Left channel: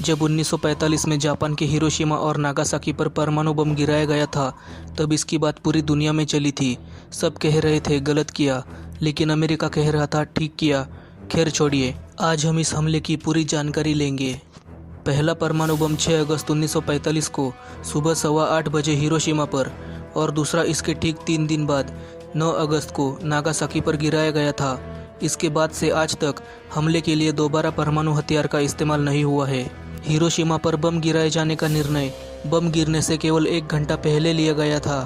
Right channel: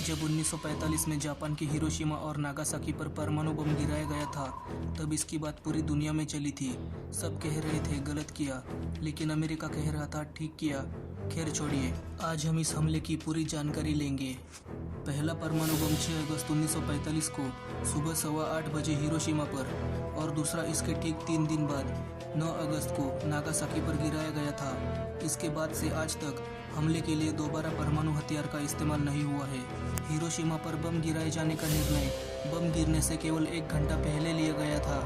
जब 1945 में जापान के हिरोशिमा और नागासाकी पर परमाणु बम गिराया गया था, तब इसकी बात पूरी दुनिया में चली थी। सब कह रहे थे गलत किया, लेकिन अमेरिका कह रहा था ठीक किया। खैर छोड़िए, आज हम इस हमले की पूरी जानकारी लेंगे। पहला परमाणु बम 6 अगस्त 1945 को सुबह 8:15 बजे हिरोशिमा पर और दूसरा इसके ठीक 3 दिन बाद 9 अगस्त को नागासाकी पर गिराया गया था। इसके बाद से आज तक हमले के लिए दोबारा परमाणु हथियार का इस्तेमाल नहीं हुआ है। हिरोशिमा पर बम गिराए जाने का निर्णय बम गिरने से केवल 1 घंटा पहले लिया गया था।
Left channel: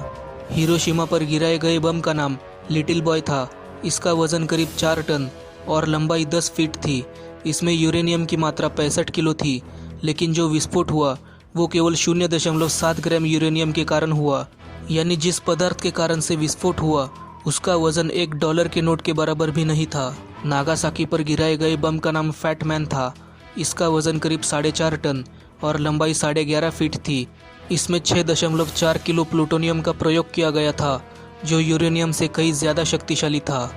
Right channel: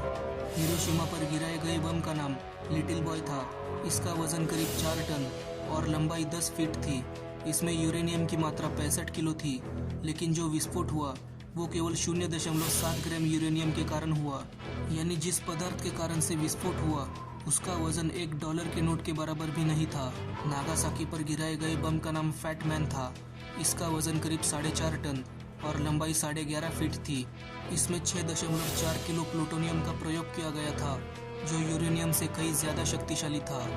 हिरोशिमा पर गिराए गए बम का नाम लिटिल बॉय था। इसका वजन करीब 4 टन और लंबाई 10 फीट थी। इसमें यूरेनियम की मात्रा 65 किलो थी, लेकिन जो विस्फोट हुआ वो केवल 0.7 ग्राम यूरेनियम के कारण हुआ। यानी जिस पदार्थ के कारण से विस्फोट हुआ उसका वजन $1 के नोट के बराबर भी नहीं था। नागासाकी पर गिराए गए बम का नाम फैट मैन था। इसका वजन करीब 4.5 टन और लंबाई 11.5 फीट थी। इसमें 6.4 किलो प्लूटोनियम का प्रयोग किया गया था, जो यूरेनियम से कई ज़्यादा शक्तिशाली था।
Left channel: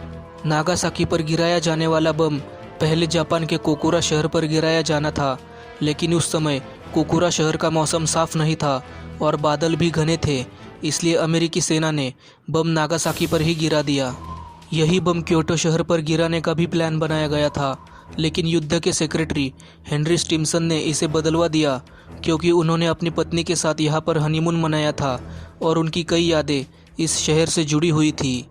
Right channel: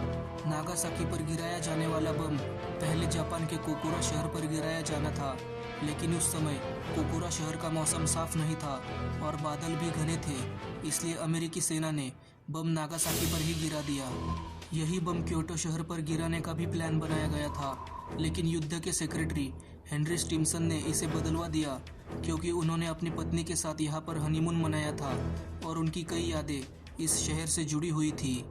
नागासाकी पर गिराया जाने वाला बम पहले जापान के कोकुरा शहर पर गिराया जाना था, लेकिन उस समय कोकुरा शहर का मौसम साफ नहीं था और बादल भी घने थे, इसलिए अमेरिकी सेना ने बम नागासाकी पर ही गिरा दिया। यही बम क्योटो शहर पर गिराने का भी प्लान बनाया गया था, लेकिन युद्ध के सेक्रेटरी हेनरी स्टिम्सन ने इसे बदलवा दिया, क्योंकि उन्होंने अपनी पत्नी के साथ यहाँ पर हनीमून मनाया था और उनकी कई यादें इस शहर से जुड़ी हुई थी।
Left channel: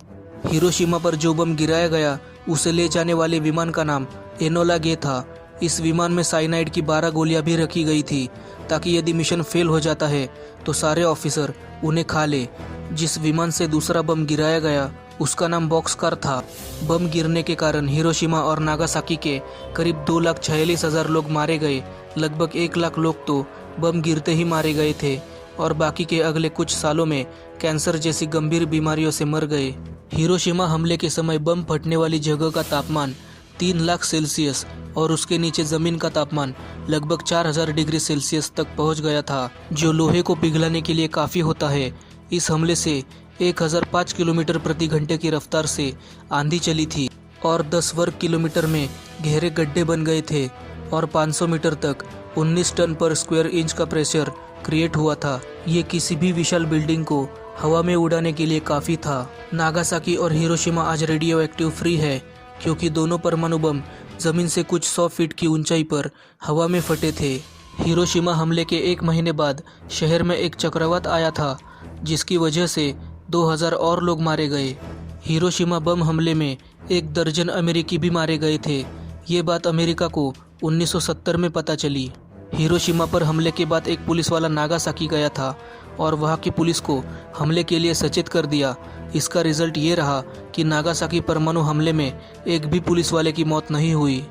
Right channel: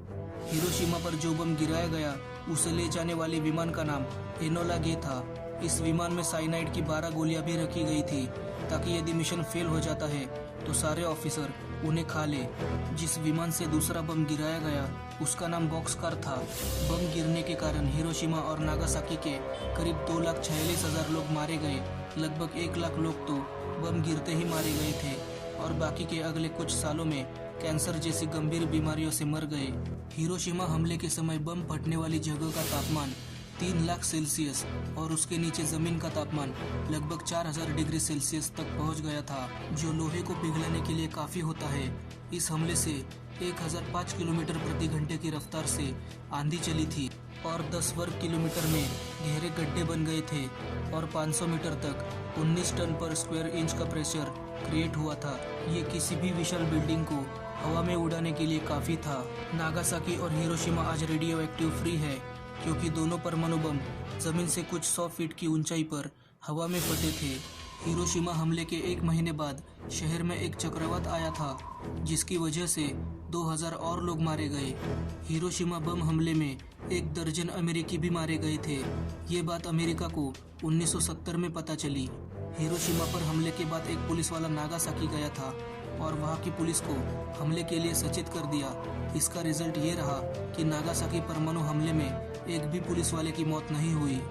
हिरोशिमा पर जो बम गिराया गया उसे ले जाने वाले विमान का नाम एनोला गे था। इस विमान में साइनाइड की 12 गोलियां भी रखी गई थी, ताकि यदि मिशन फेल हो जाता है तो सारे ऑफिसर उन्हें खा ले। जिस विमान से दूसरा बम गिराया गया उसका नाम बॉक्सकार था। बम गिरने के कारण हिरोशिमा और नागासाकी के करीब 2,46,000 लोग मारे गए। लगभग 1 लाख लोग तो बम गिरते ही मारे गए थे और बाकी के अगले कुछ सालों में कैंसर जैसी गंभीर बीमारियों से मर गए। हिरोशिमा हमले के समय बम फटने वाली जगह का तापमान 3 लाख सेल्सियस और उसके नीचे ज़मीन का तापमान लगभग 4000 डिग्री सेल्सियस तक पहुंच गया था, जो लोहे को पिघलाने के लिए काफ़ी होता है। इस हमले से 1005 किलोमीटर प्रति घंटे की रफ्तार से आंधी चली थी और 10 वर्ग किलोमीटर में गहरे गड्ढे बन गए थे और 500 मीटर तक 19 टन पर स्क्वायर इंच का प्रेशर क्रिएट हुआ था। ये किसी भी विशाल बिल्डिंग को हवा में उड़ाने के लिए काफ़ी था। नागासाकी और हिरोशिमा आज रेडियो एक्टिव फ्री है, क्योंकि दोनों परमाणु बम जमीन से कुछ 100 फीट की ऊंचाई पर हवा में फटे थे। हिरोशिमा हमले के 1 महीने बाद शहर में एक चक्रवात आया था, जिसकी वजह से 2000 और लोग मारे गए। हिरोशिमा बम हमले में 1 दर्जन अमेरिकी भी मारे गए थे। ये बात अमेरिका को 1970 में पता चली। हिरोशिमा पर हमले के बाद एक पुलिस वाला नागासाकी गया था और वहाँ की पुलिस को हमले के लिए सचेत कर दिया। इसका रिजल्ट ये रहा कि नागासाकी परमाणु हमले में एक भी पुलिस वाले की मौत नहीं हुई।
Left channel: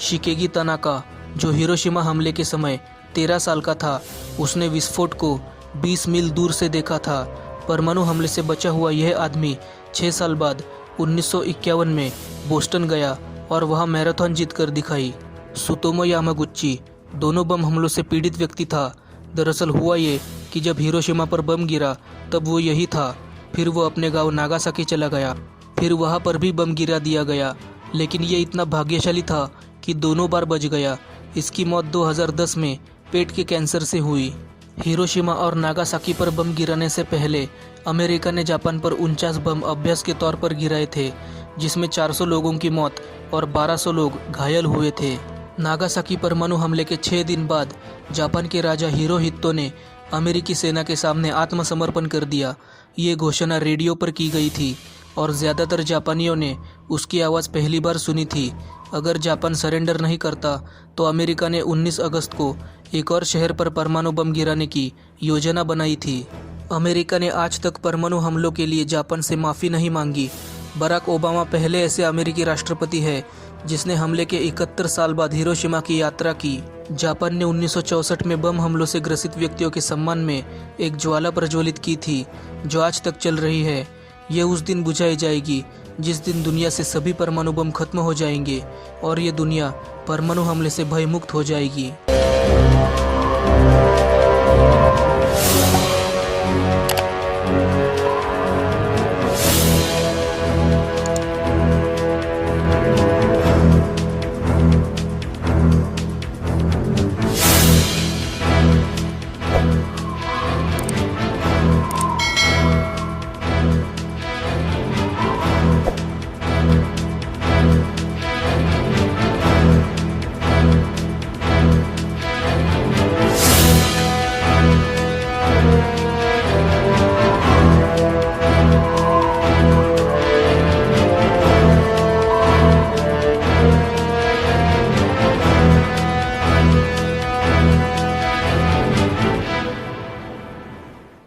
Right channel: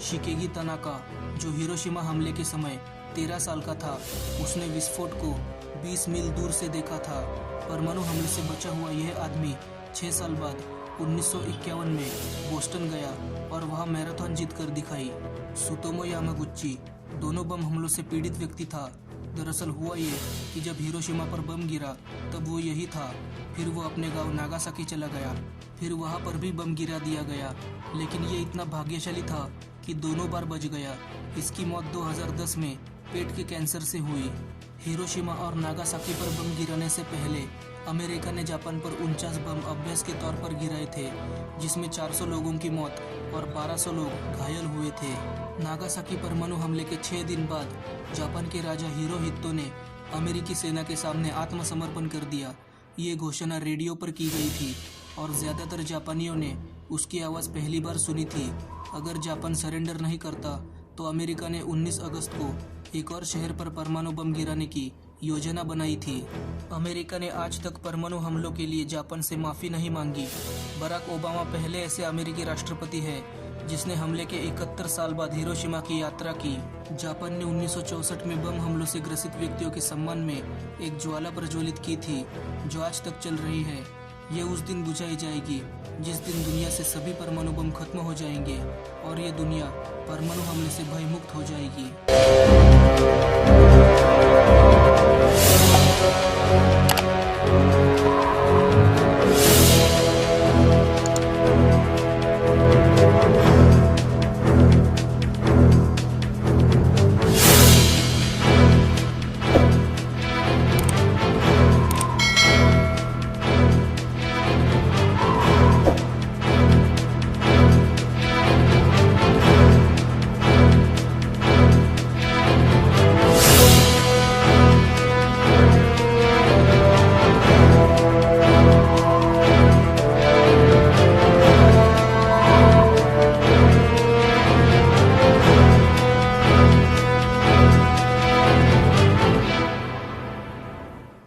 शिकेगी तनाका, जो हिरोशिमा हमले के समय 13 साल का था, उसने विस्फोट को 20 मील दूर से देखा था। परमाणु हमले से बचा हुआ यह आदमी 6 साल बाद 1951 में बोस्टन गया और वहाँ मैराथन जीत कर दिखाई। सुतोमो यामागुची दोनों बम हमलों से पीड़ित व्यक्ति था। दरअसल हुआ ये कि जब हिरोशिमा पर बम गिरा तब वो यही था। फिर वो अपने गांव नागासाकी चला गया। फिर वहाँ पर भी बम गिरा दिया गया, लेकिन ये इतना भाग्यशाली था कि दोनों बार बच गया। इसकी मौत 2010 में पेट के कैंसर से हुई। हिरोशिमा और नागासाकी पर बम गिराने से पहले अमेरिका ने जापान पर 49 बम अभ्यास के तौर पर गिराए थे, जिसमें 400 लोगों की मौत और 1200 लोग घायल हुए थे। नागासाकी परमाणु हमले के 6 दिन बाद जापान के राजा हिरोहितो ने अमेरिकी सेना के सामने आत्मसमर्पण कर दिया। ये घोषणा रेडियो पर की गई थी और ज़्यादातर जापानियों ने उसकी आवाज़ पहली बार सुनी थी। अगर जापान सरेंडर नहीं करता तो अमेरिका ने 19 अगस्त को एक और शहर पर परमाणु बम गिराने की योजना बनाई थी। अमेरिका ने आज तक परमाणु हमलों के लिए जापान से माफ़ी नहीं मांगी। बराक ओबामा पहले ऐसे अमेरिकी राष्ट्रपति है जिसने हमले के 71 साल बाद हिरोशिमा की यात्रा की। जापान ने 1964 में बम हमलों से ग्रसित व्यक्तियों के सम्मान में एक ज्वाला प्रज्वलित की थी, जो आज तक चल रही है। ये उस दिन बुझाई जाएगी जिस दिन दुनिया से सभी परमाणु बम खत्म हो जाएंगे और ये दुनिया परमाणु हमले से भयमुक्त हो जाएगी।